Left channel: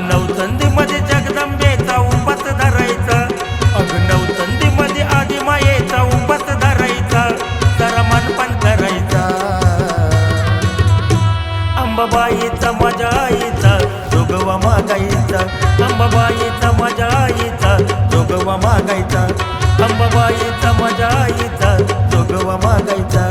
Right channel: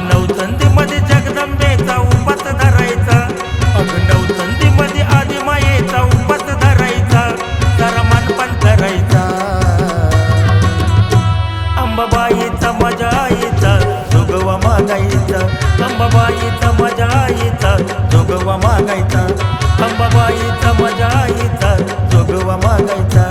नवचंदी मध्ये जगदंबेचा उपास धरायचा. अग नवचंदी मध्ये आदिमायेचा उपास धरायचा. जरा मानपान करायचा अंबाबाईचा माझ्या आईचा जोगवा मागायचा. अंबाबाईचा माझ्या आईचा जोगवा मागायचा. अंबाबाईचा माझ्या आईचा जोगवा मागायचा.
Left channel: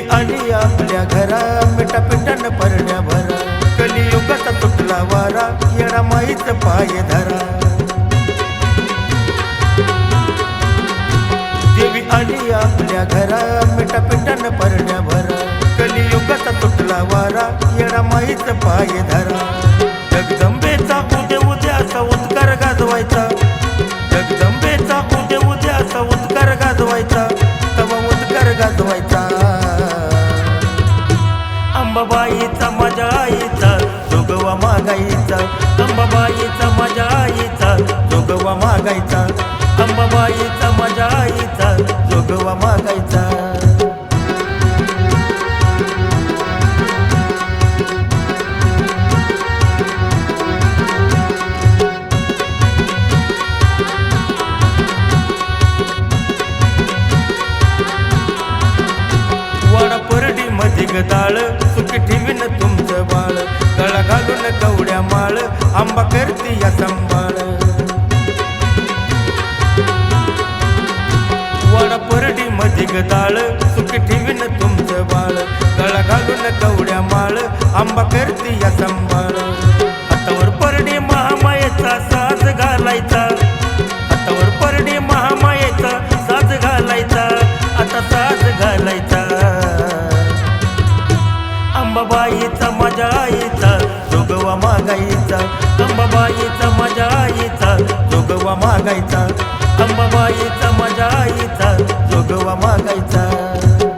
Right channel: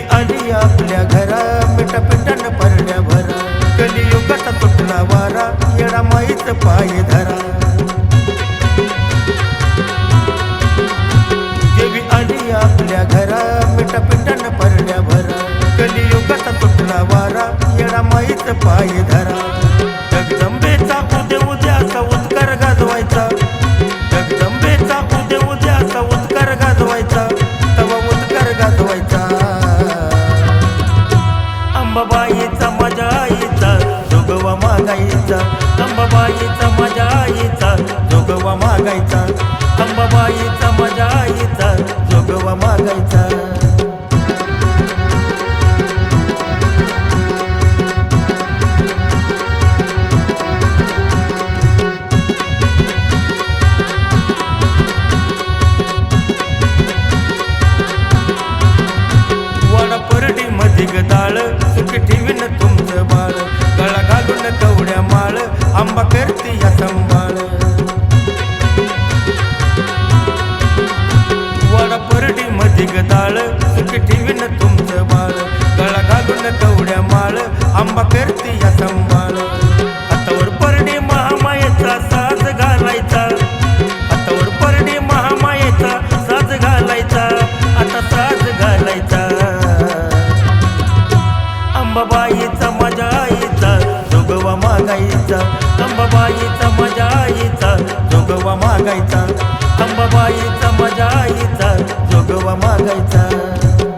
देवी आली आपल्या घरा मिठा पिठान परड्या भरा. कलियुगाचा तुटला वारा येडा माईच पाय धरा. देवी आली आपल्या घरा मिठा पिठान परड्या भरा. कलियुगाचा तुटला वारा येडा माईच पाय धरा. जगदंबेचा उदे उद्याचा उद्गार गाजवायचा. जगदंबेचा उदे उद्याचा उद्गार गाजवायचा. तवा उदकर गाजवायचा. अंबाबाईचा माझ्या आईचा जोगवा मागायचा. अंबाबाईचा माझ्या आईचा जोगवा मागायचा. अंबाबाईचा माझ्या आईचा जोगवा मागायचा. वाडा परडी मधी गदाळ सुखी ठेवीन तुमचं बाळ. गळा घालून कवड्या माळ. आंबा करती या संभाळ. वाडा परडी मधी गदाळ सुखी ठेवीन तुमचं बाळ. गळा घालून कवड्या माळ. आंबा करती या संभाळ. हातावर परडी महामायेचा साज घालायचा. हातावर परडी महामायेचा साज घालायचा आता साज घालायचा. अंबाबाईचा माझ्या आईचा जोगवा मागायचा. अंबाबाईचा माझ्या आईचा जोगवा मागायचा. अंबाबाईचा माझ्या आईचा जोगवा मागायचा.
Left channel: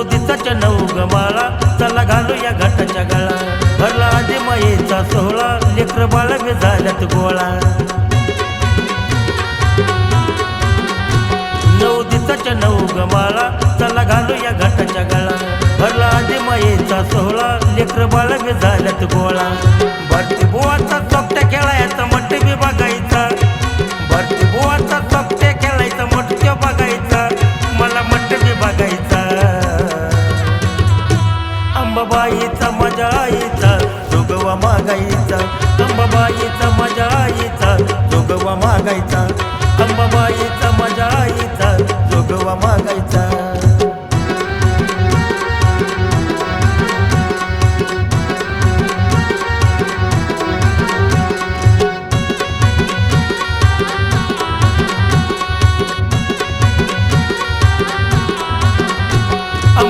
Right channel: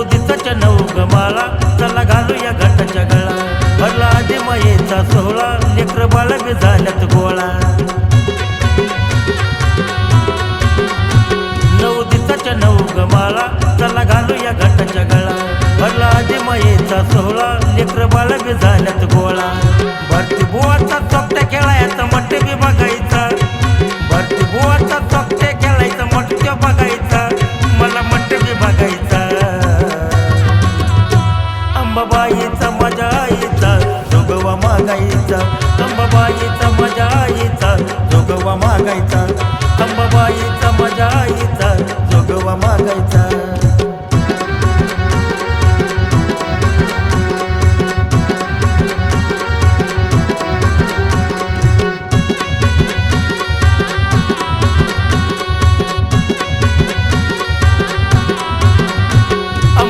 नऊ दिवसाच्या नऊ गमाळा चला घालू या घाटाच्या गळा. भरला आधी मायेचा सोहळा लेकर बाळ झाल्यात गोळा. नऊ दिसाच्या नऊ गमाळा चला घालू या घाटाच्या गळा. भरला आधी मायेचा सोहळा लेकर बाळ बी झाल्यात गोळा. भरती बुवाचा चोपट्या खेळायचा म्हणते बी बघायचा. भरती बुवाचा चोपट्या खेळायचा मट बघायचा मला मट बी बघायचा. अंबाबाईचा मजा आईचा जोगवा मागायचा. अंबाबाईचा मजा आईचा जोगवा मागायचा. अंबाबाईचा मजा आईचा जोगवा मागायचा.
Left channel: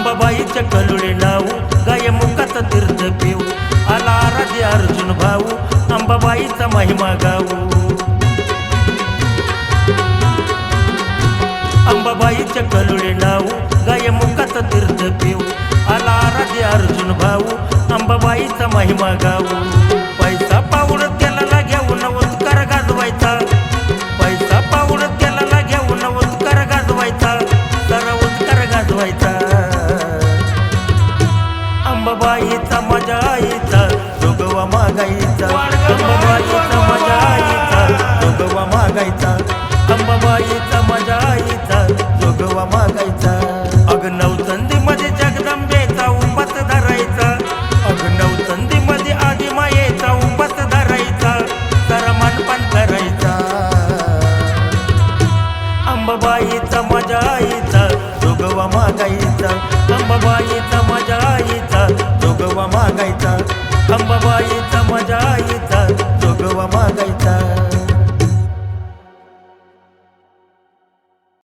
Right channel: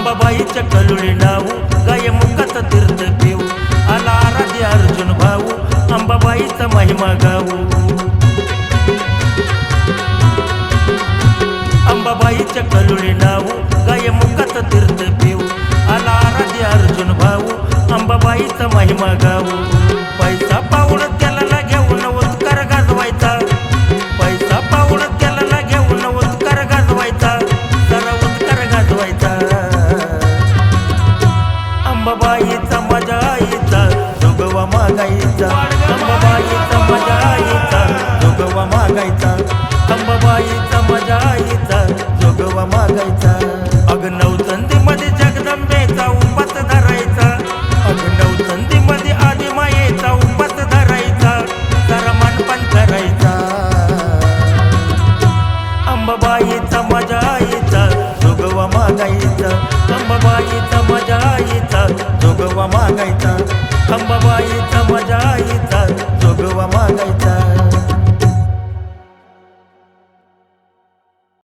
अंबाबाईच्या कलुळे नाऊ गाय मुखात तीर्थ पिऊ आला आराध्य अर्जुन भाऊ अंबाबाईचा महिमा गाऊ. अंबाबाईच्या कलुळे नाऊ गाय मुखात तीर्थ पिऊ. आला आराध्य अर्जुन भाऊ अंबाबाईचा महिमा गाऊ. पैसा पाऊड त्याला घेऊन उत्कार गाजवायचा. पैसा पाऊड त्याला घेऊन उत्कार गाजवायचा. जरा उत्कार गाजवायचा. अंबाबाईचा माझ्या आईचा जोगवा मागायचा. अंबाबाईचा माझ्या आईचा जोगवा मागायचा. अंबाबाईचा माझ्या आईचा जोगवा मागायचा. अग नवचंदी मध्ये जगदंबेचा उपास धरायचा. अग नवचंदी मध्ये आदिमायेचा उपास धरायचा. जरा मानपान करायचा. अंबाबाईचा माझ्या आईचा जोगवा मागायचा. अंबाबाईचा माझ्या आईचा जोगवा मागायचा. अंबाबाईचा माझ्या आईचा जोगवा मागायचा.